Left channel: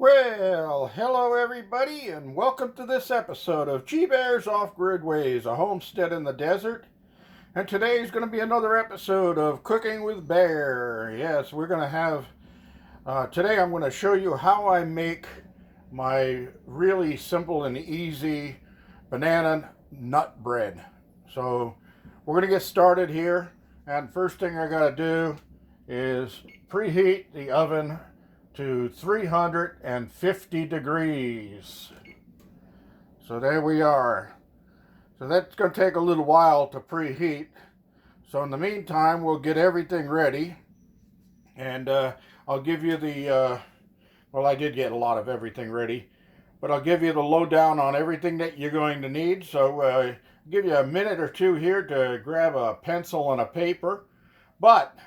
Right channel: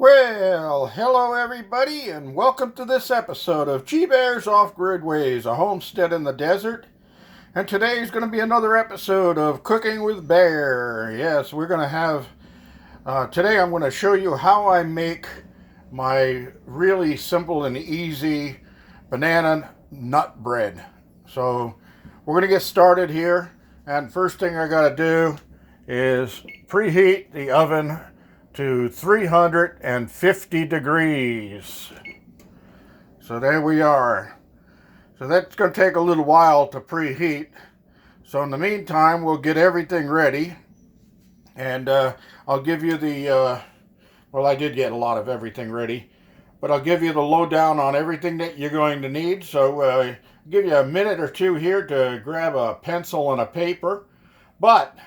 Well, hello everybody, and welcome to this episode of GBear's Off-Grid Ways, a homestead in the desert. And today is going to be another episode of Cooking with Bear. Yes, we're going to have, today I'm going to show you how I make my really simple and easy banana nut bread. So we're going to get started here, and first thing I got to do is preheat the oven to 350 degrees. So there we are. So that's going to take a little while to preheat. So in the meantime, we'll get everything ready. And I'll give you the, well, I did get a lot of everything ready. But I'll give you the lowdown on everything that you're going to need. So I'll give you a minute or two here to grab a pencil and a paper. But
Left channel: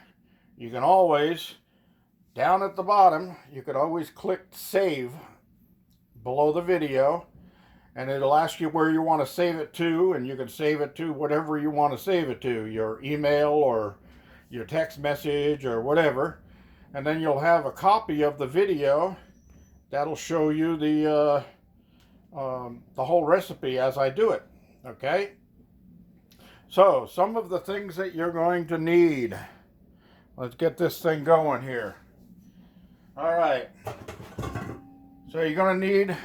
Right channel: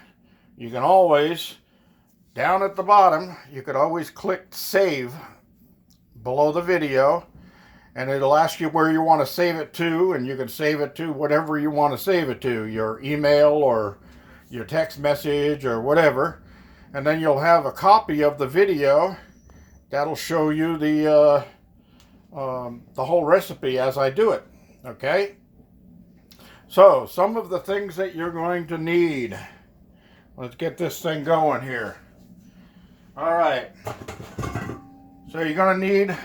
you can always, down at the bottom, you could always click save below the video, and it'll ask you where you want to save it to, and you can save it to whatever you want to save it to, your email or your text message or whatever. And then you'll have a copy of the video that'll show you the whole recipe as I do it. Okay? So, some of the things that you're going to need. Let's get this thing going here. All right, so you're going to need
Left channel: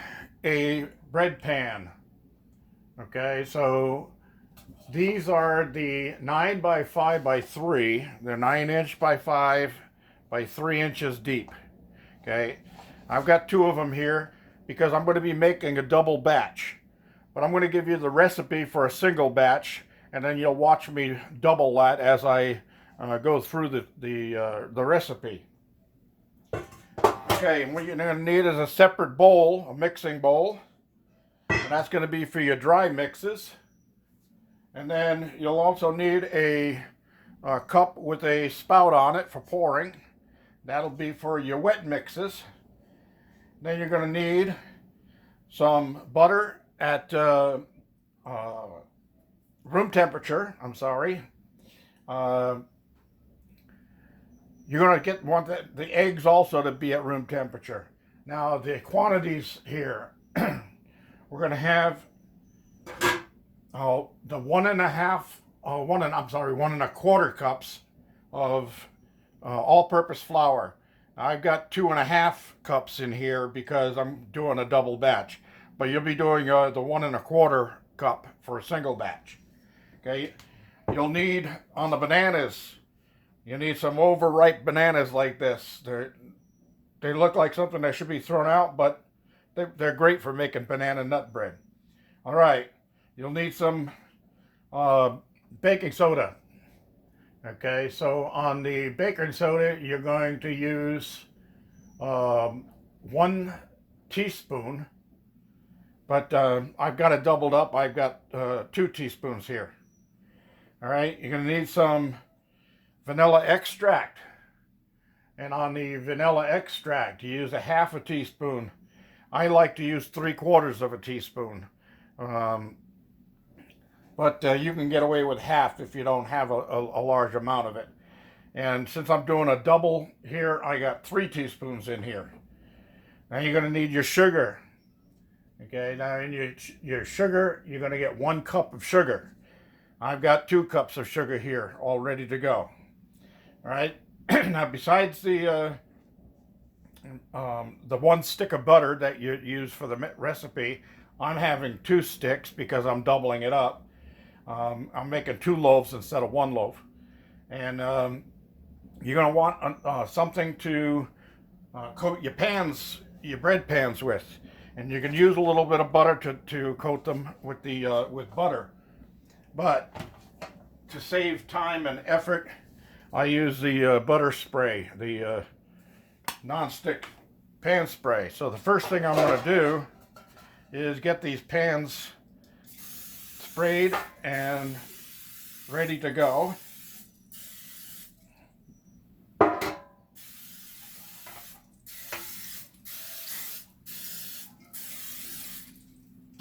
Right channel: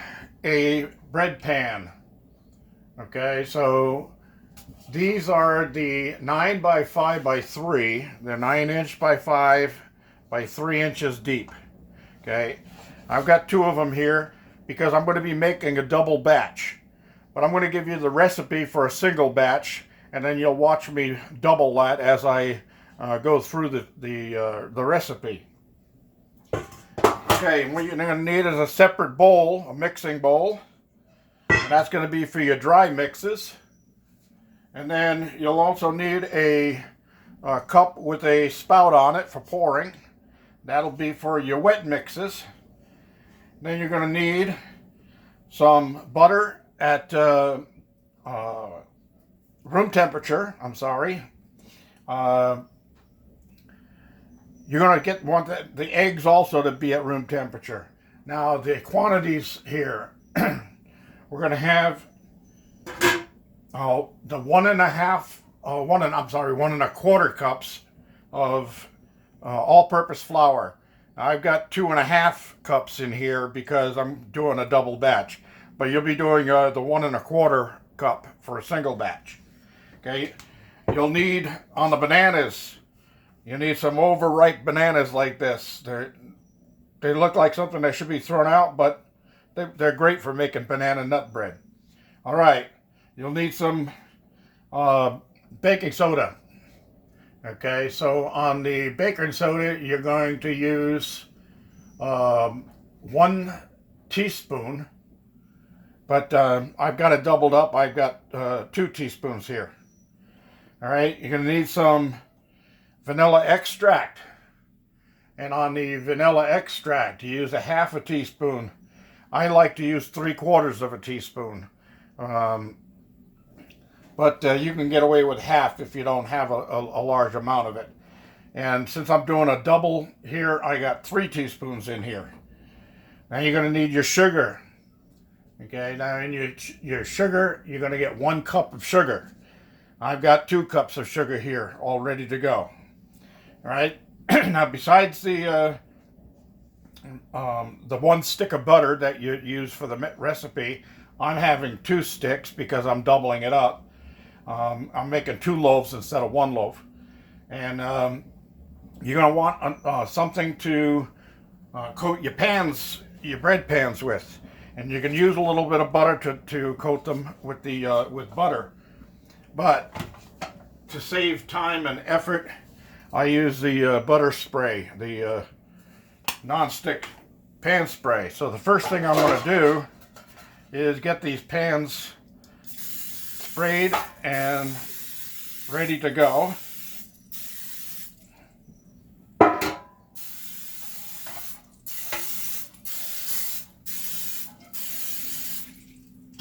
a bread pan. Okay, so these are the 9 by 5 by 3. They're 9" by 5 by 3 inches deep. Okay, I've got 2 of them here because I'm going to be making a double batch. But I'm going to give you the recipe for a single batch, and then you'll watch me double that as I go through the recipe. Okay, what you're going to need is a separate bowl, a mixing bowl. And that's going to be for your dry mixes. And then you'll also need a cup with a spout on it for pouring. That'll be for your wet mixes. Then you're going to need some butter at room temperature. You're going to want the eggs also to be at room temperature. Now the quantities here, we're going to have the 1.25 cups of all-purpose flour. I've got 2.5 cups in here because I'm doing a double batch, but you'll be doing the 1.25 cup for a single batch. Okay, you'll need on the bananas. You need some overripe bananas like this. They look like something that should be thrown out, but they're great for making banana nut bread. All right, you'll need some baking soda. Okay, so on the baking soda, you're going to use 1 teaspoon, but I've got it doubled up. I've got 2 teaspoons here. All right, you're going to need some vanilla extract, and on the vanilla extract you use 1/2 teaspoon. I like to use 3/4 teaspoon, but you can get away with half if you don't have a large amount of it. And since I'm doing a double here, I got 3 teaspoons in here. Now you're going to need your sugar. Okay, now in your sugar, you're going to get 1 cup of sugar. I've got 2 cups of sugar here all ready to go. All right. Now, besides the 1 stick of butter that you use for the recipe, I'm having 2 sticks because I'm doubling it up. I'm making 2 loaves instead of 1 loaf, and you're going to want something to coat your bread pans with, and you can use a little bit of butter to coat them with with butter. But to save time and effort, I use the butter spray, the non-stick pan spray. So the first thing I'm going to do is get these pans sprayed and ready to go.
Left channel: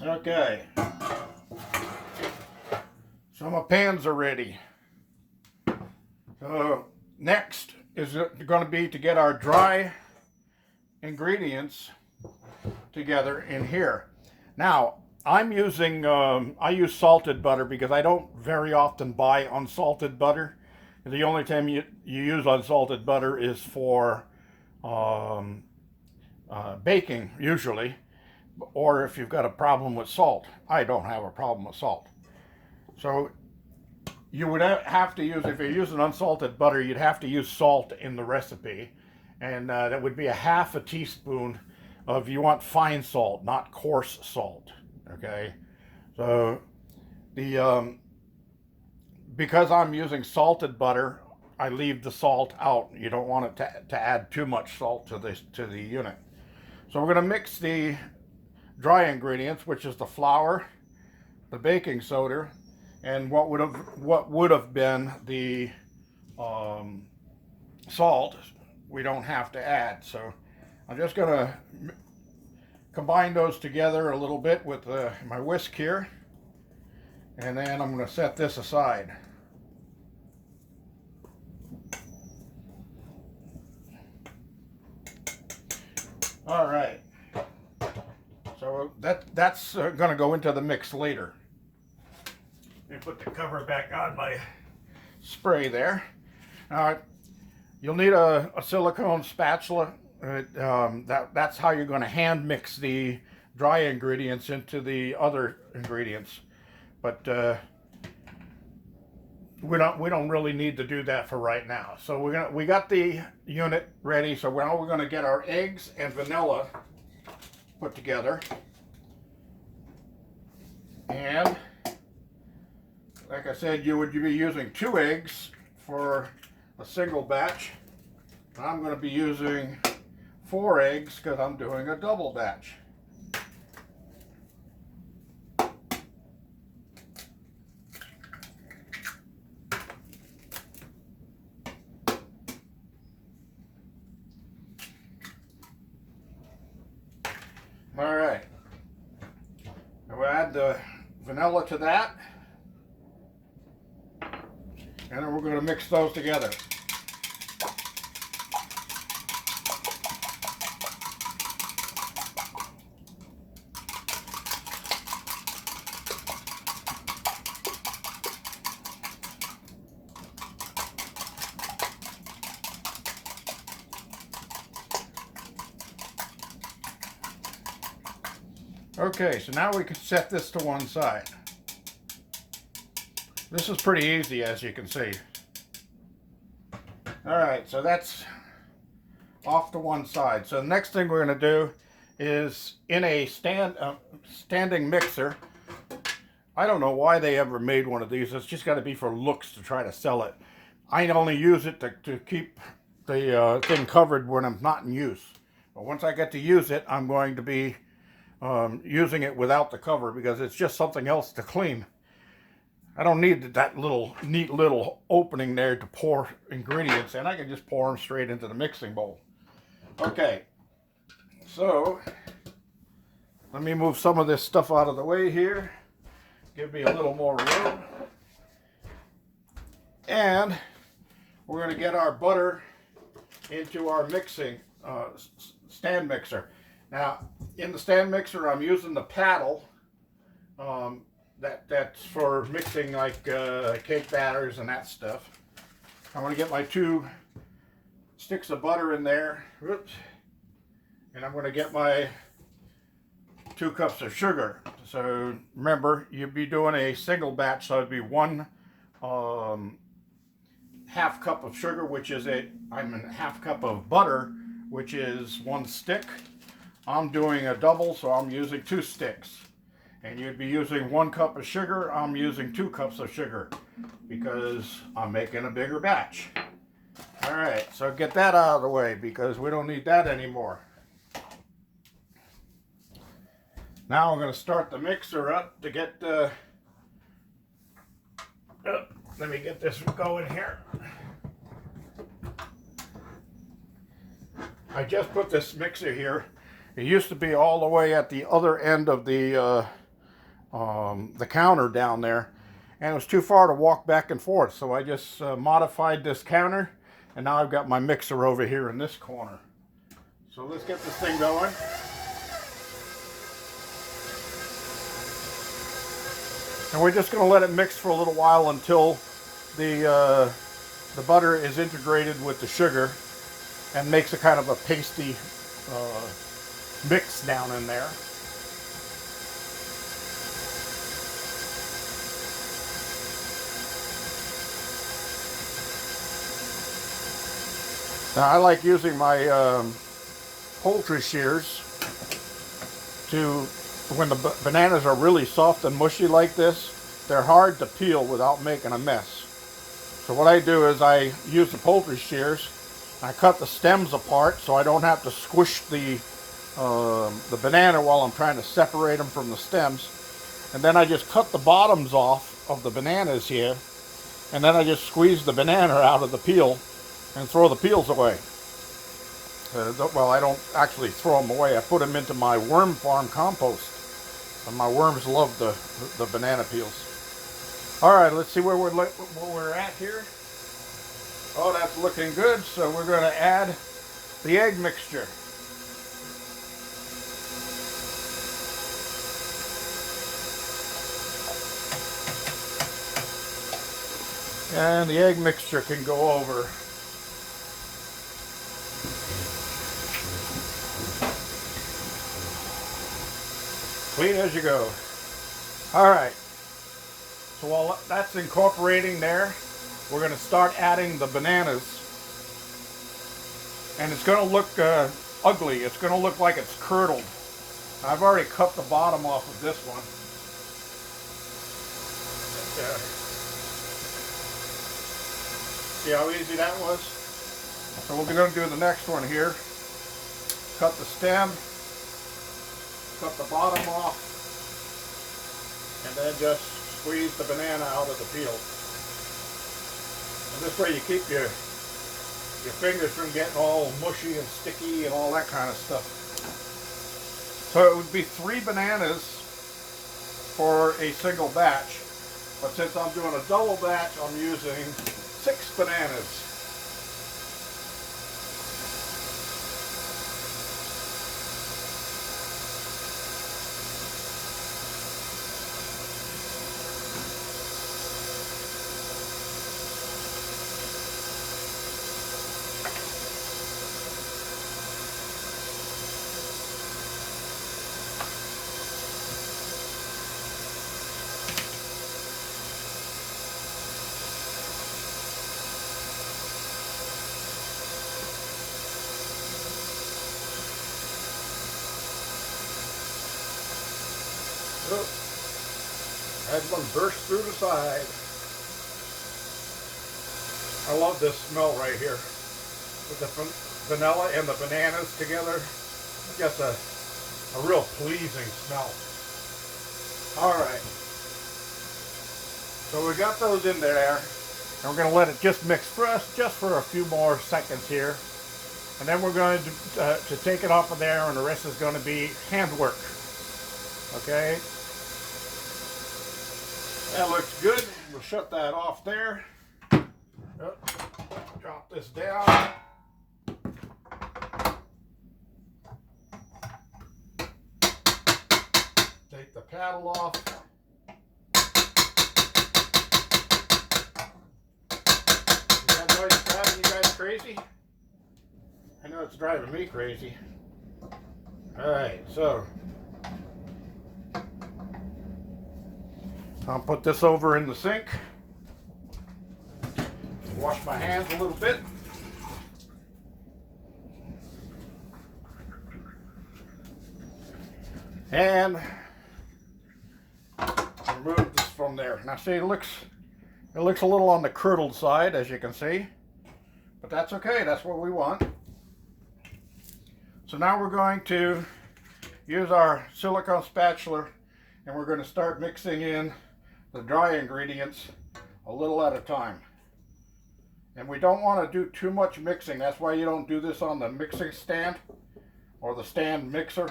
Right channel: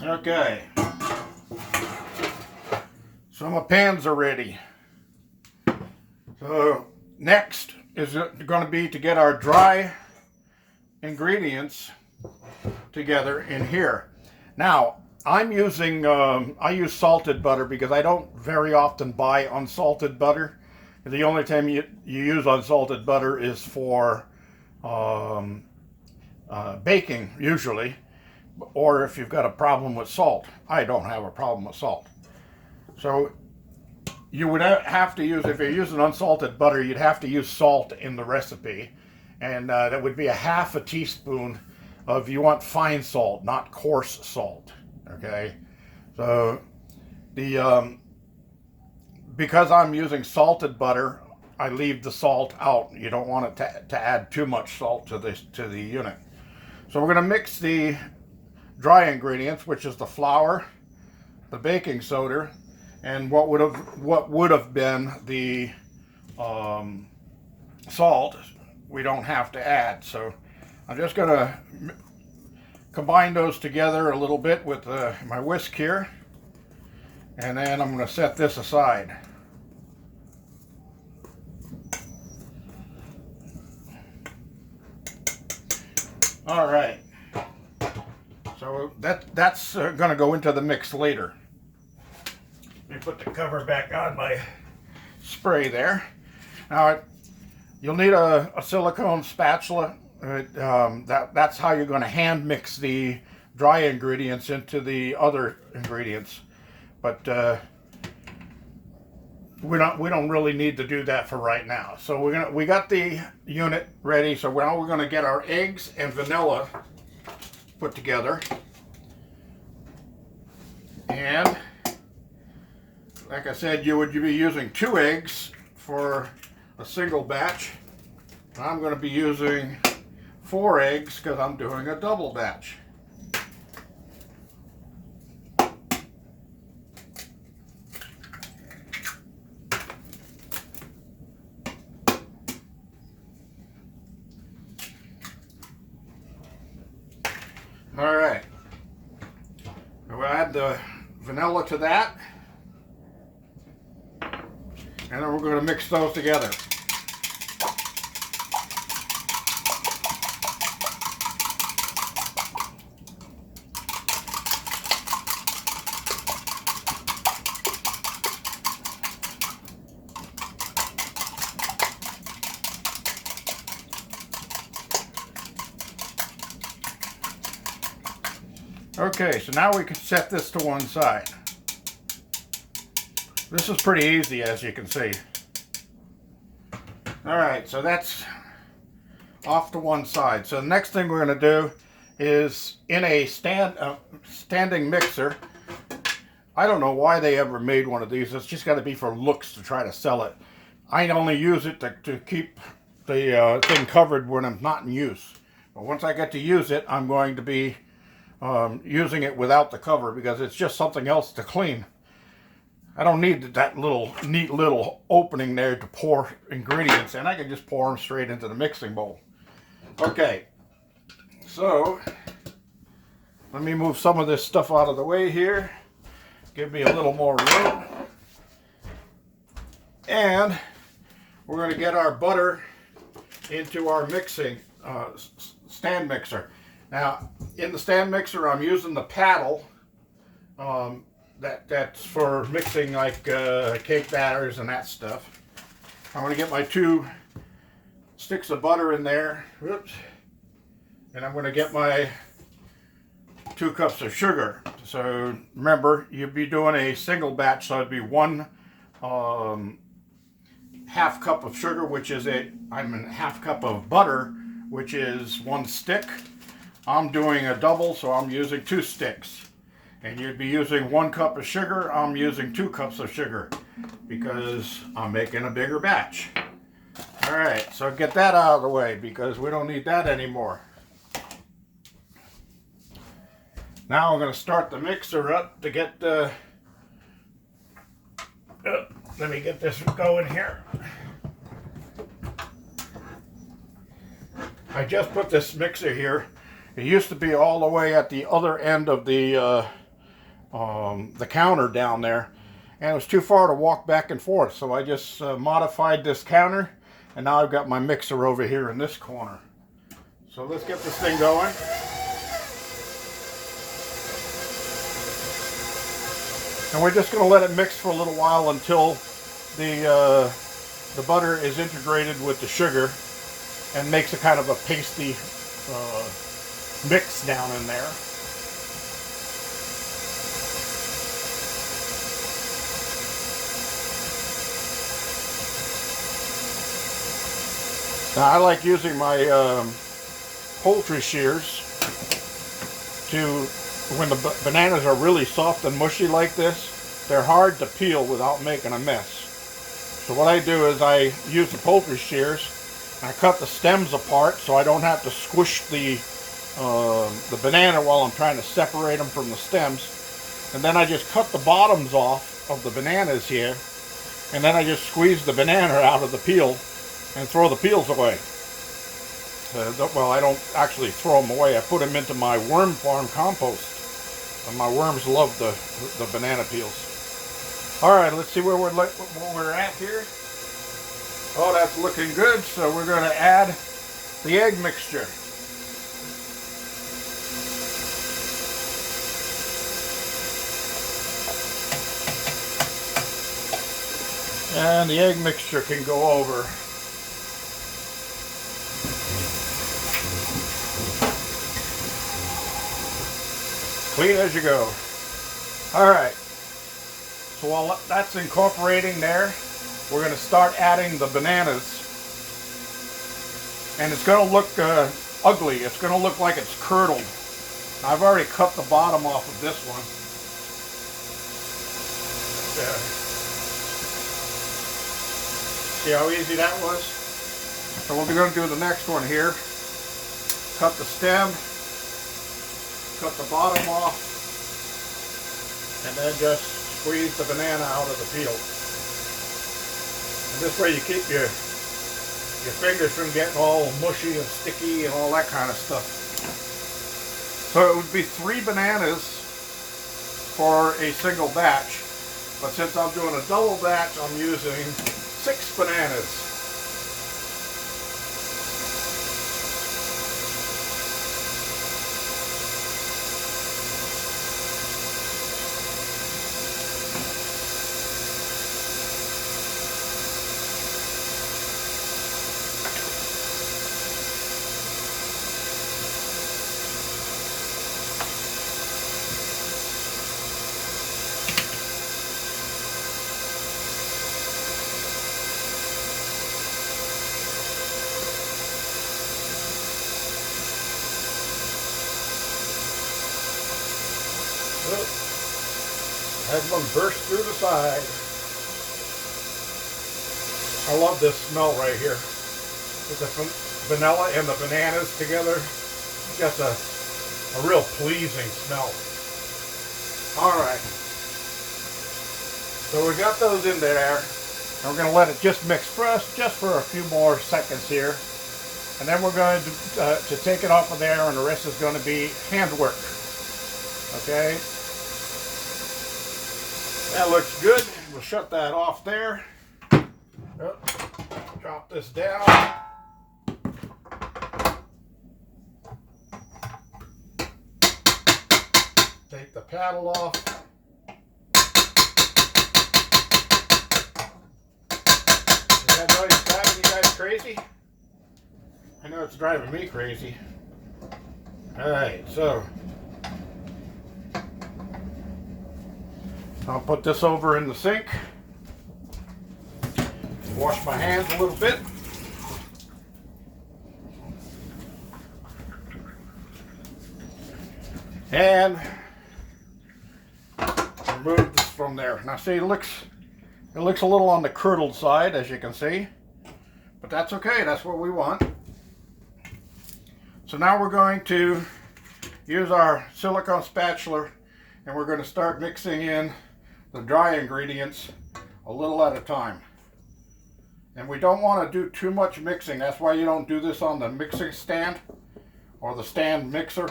Okay, so my pans are ready. So next is going to be to get our dry ingredients together in here. Now, I'm using, I use salted butter because I don't very often buy unsalted butter. The only time you use unsalted butter is for baking, usually, or if you've got a problem with salt. I don't have a problem with salt. So you would have to use, if you're using unsalted butter, you'd have to use salt in the recipe. And that would be a half a teaspoon of, you want fine salt, not coarse salt. Okay, so the because I'm using salted butter, I leave the salt out. You don't want it to add too much salt to the unit. So we're going to mix the dry ingredients, which is the flour, the baking soda, and what would have been the salt. We don't have to add. So I'm just going to combine those together a little bit with my whisk here, and then I'm going to set this aside. All right, so that's going to go into the mix later. Let me put the cover back on my spray there. Now you'll need a silicone spatula. That's how you're going to hand mix the dry ingredients into the other ingredients, but we don't really need to do that for right now. So we got the unit ready. So now we're going to get our eggs and vanilla put together, and like I said, you would be using 2 eggs for a single batch. I'm going to be using 4 eggs because I'm doing a double batch. All right, we'll add the vanilla to that, and then we're going to mix those together. Okay, so now we can set this to one side. This is pretty easy, as you can see. All right, so that's off to one side. So the next thing we're going to do is, in a standing mixer. I don't know why they ever made one of these. It's just got to be for looks to try to sell it. I only use it to keep the thing covered when I'm not in use. But once I get to use it, I'm going to be using it without the cover because it's just something else to clean. I don't need that neat little opening there to pour ingredients in. I can just pour them straight into the mixing bowl. Okay, so let me move some of this stuff out of the way here. Give me a little more room. And we're going to get our butter into our mixing stand mixer. Now, in the stand mixer, I'm using the paddle. That's for mixing like cake batters and that stuff. I'm going to get my 2 sticks of butter in there. Whoops. And I'm going to get my 2 cups of sugar. So remember, you'd be doing a single batch, so it'd be 1 half cup of sugar, which is a half cup of butter, which is 1 stick. I'm doing a double, so I'm using 2 sticks. And you'd be using 1 cup of sugar. I'm using 2 cups of sugar because I'm making a bigger batch. All right, so get that out of the way because we don't need that anymore. Now I'm going to start the mixer up to get the... let me get this going here. I just put this mixer here. It used to be all the way at the other end of the counter down there, and it was too far to walk back and forth, so I just modified this counter, and now I've got my mixer over here in this corner. So let's get this thing going. And we're just going to let it mix for a little while until the butter is integrated with the sugar and makes a kind of a pasty mix down in there. Now I like using my poultry shears to, when the bananas are really soft and mushy like this, they're hard to peel without making a mess. So what I do is I use the poultry shears, and I cut the stems apart so I don't have to squish the banana while I'm trying to separate them from the stems. And then I just cut the bottoms off of the bananas here, and then I just squeeze the banana out of the peel and throw the peels away. Well, I don't actually throw them away. I put them into my worm farm compost, and my worms love the banana peels. All right, let's see where we're at here. Oh, that's looking good. So we're going to add the egg mixture. And the egg mixture can go over. Clean as you go. All right. So while that's incorporating there, we're going to start adding the bananas. And it's going to look ugly. It's going to look like it's curdled. I've already cut the bottom off of this one. See how easy that was? So we're going to do the next one here. Cut the stem. Cut the bottom off, and then just squeeze the banana out of the peel. And this way you keep your fingers from getting all mushy and sticky and all that kind of stuff. So it would be 3 bananas for a single batch, but since I'm doing a double batch, I'm using 6 bananas. Had one burst through the side. I love this smell right here. With the vanilla and the bananas together. Just a real pleasing smell. Alright. So we got those in there. We're going to let it just mix just for a few more seconds here. And then we're going to take it off of there, and the rest is going to be handwork. Okay? That looks good. We'll shut that off there. Oh, drop this down. Take the paddle off. Is that noise driving you guys crazy? I know it's driving me crazy. Alright, so I'll put this over in the sink. Wash my hands a little bit. And remove this from there. Now see, it looks a little on the curdled side, as you can see. But that's okay, that's what we want. So now we're going to use our silicone spatula, and we're going to start mixing in the dry ingredients a little at a time. And we don't want to do too much mixing. That's why you don't do this on the mixing stand or the stand mixer,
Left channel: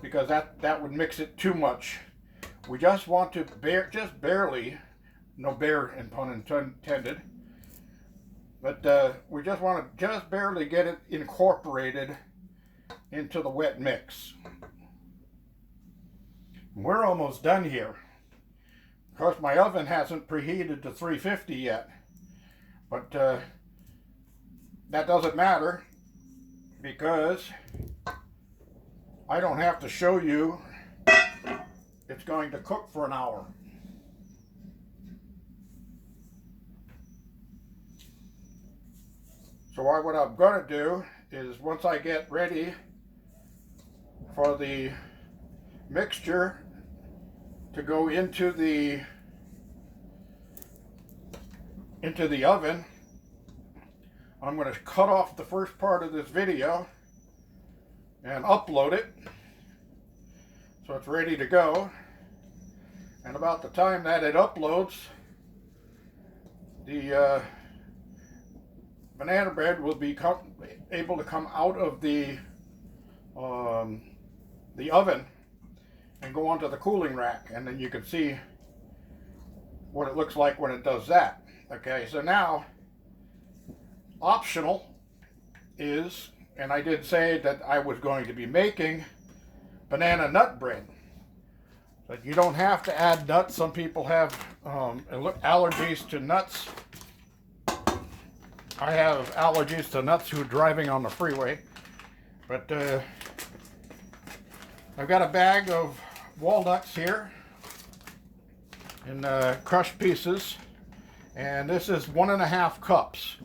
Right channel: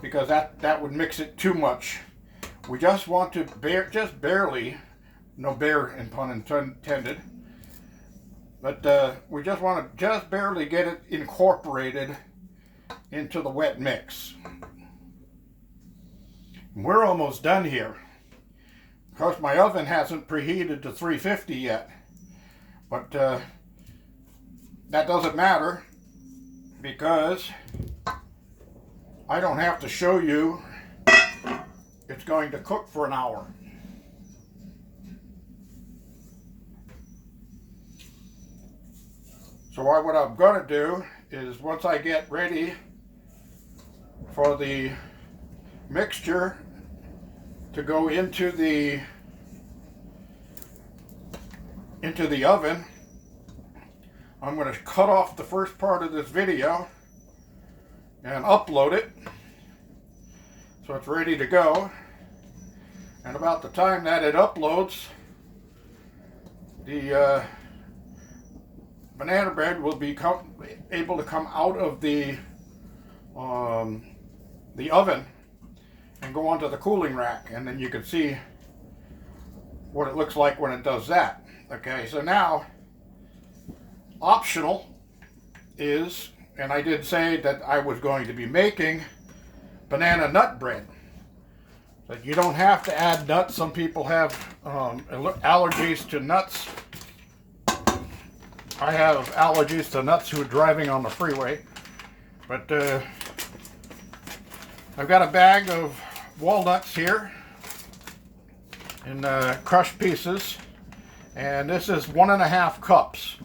because that would mix it too much. We just want to just barely, no bear in pun intended, but we just want to just barely get it incorporated into the wet mix. We're almost done here. course, my oven hasn't preheated to 350 yet, but that doesn't matter because I don't have to show you it's going to cook for an hour. So what I'm going to do is once I get ready for the mixture to go into the oven, I'm going to cut off the first part of this video and upload it so it's ready to go. And about the time that it uploads, the banana bread will be able to come out of the oven and go onto the cooling rack, and then you can see what it looks like when it does that. Okay, so now optional is, and I did say that I was going to be making banana nut bread, but you don't have to add nuts. Some people have allergies to nuts. I have allergies to nuts who are driving on the freeway, but I've got a bag of walnuts here in crushed pieces, and this is 1.5 cups.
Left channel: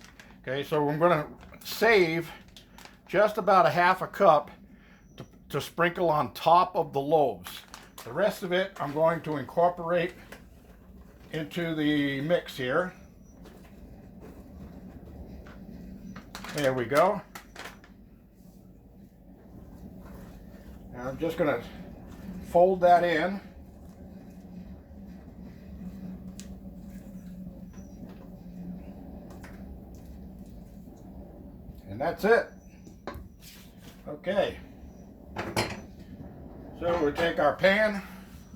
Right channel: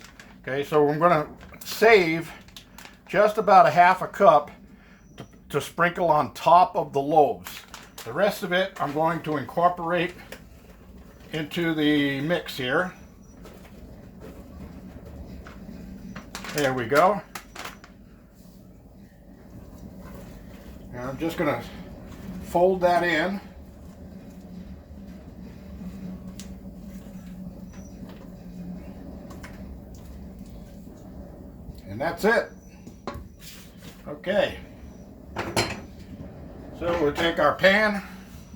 Okay, so I'm going to save just about a half a cup to sprinkle on top of the loaves. The rest of it I'm going to incorporate into the mix here. There we go. And I'm just going to fold that in. And that's it. Okay. So we'll take our pan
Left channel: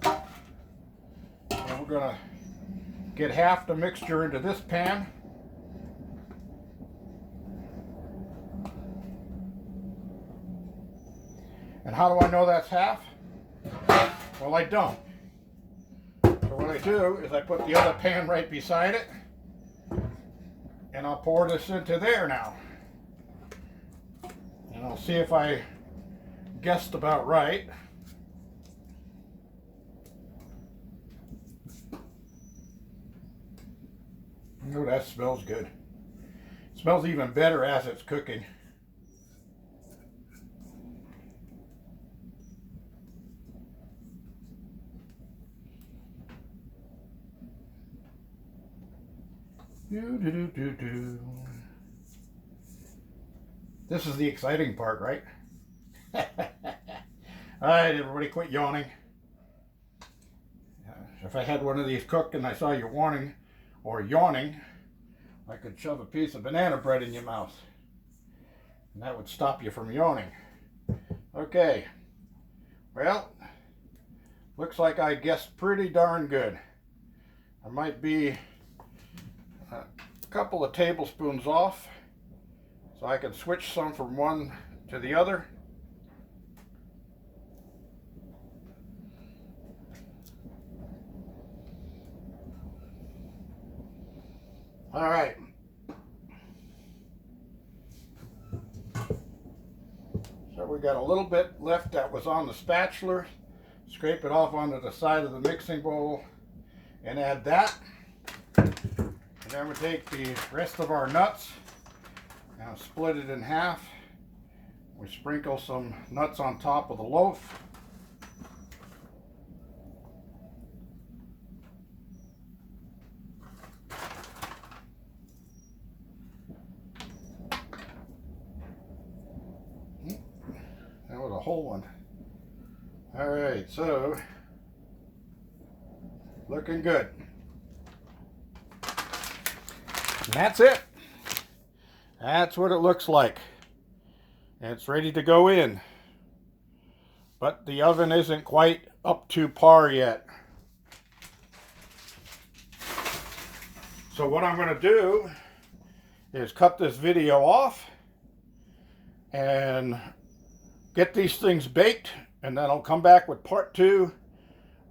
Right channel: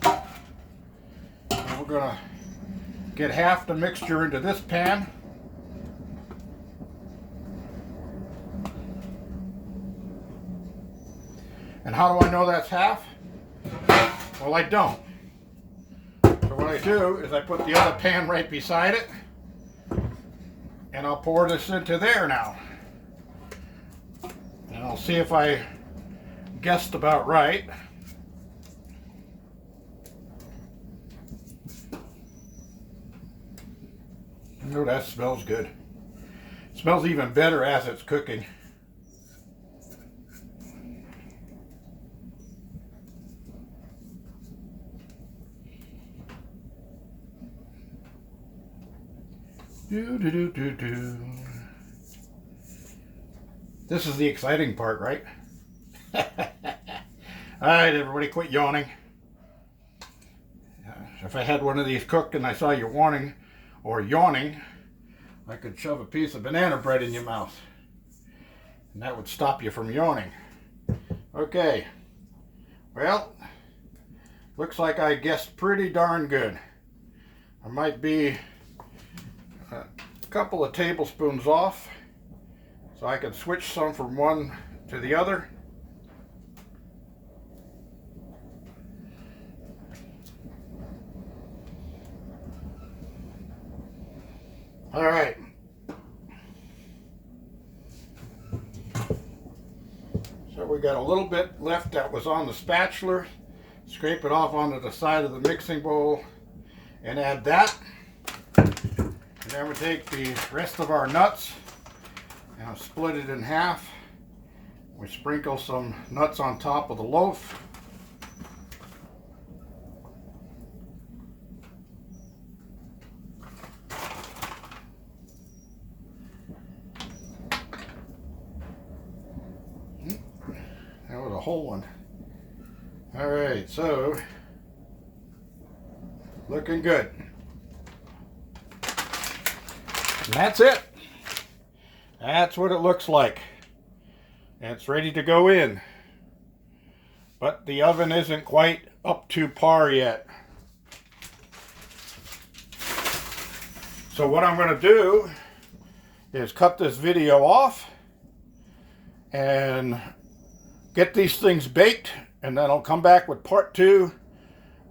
and we're going to get half the mixture into this pan. And how do I know that's half? Well, I don't. So what I do is I put the other pan right beside it, and I'll pour this into there now. And I'll see if I guessed about right. Oh, that smells good. It smells even better as it's cooking. This is the exciting part, right? All right, everybody, quit yawning. If I had one of these cooked and I saw you yawning, I could shove a piece of banana bread in your mouth, and that would stop you from yawning. Okay, well, looks like I guessed pretty darn good. I might be a couple of tablespoons off, so I can switch some from one to the other. All right. So we got a little bit left that was on the spatula. Scrape it off onto the side of the mixing bowl and add that. And then we take the rest of our nuts and split it in half. We sprinkle some nuts on top of the loaf. That was a whole one. All right, so looking good. And that's it. That's what it looks like. And it's ready to go in. But the oven isn't quite up to par yet. So what I'm going to do is cut this video off and get these things baked, and then I'll come back with part 2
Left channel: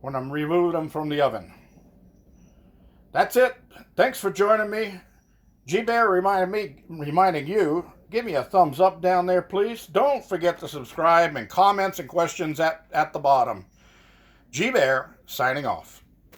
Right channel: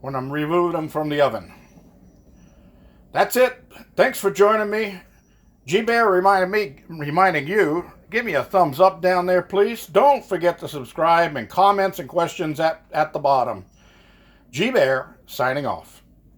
when I'm removing them from the oven. That's it. Thanks for joining me. GBear reminding you, give me a thumbs up down there, please. Don't forget to subscribe and comments and questions at the bottom. GBear signing off.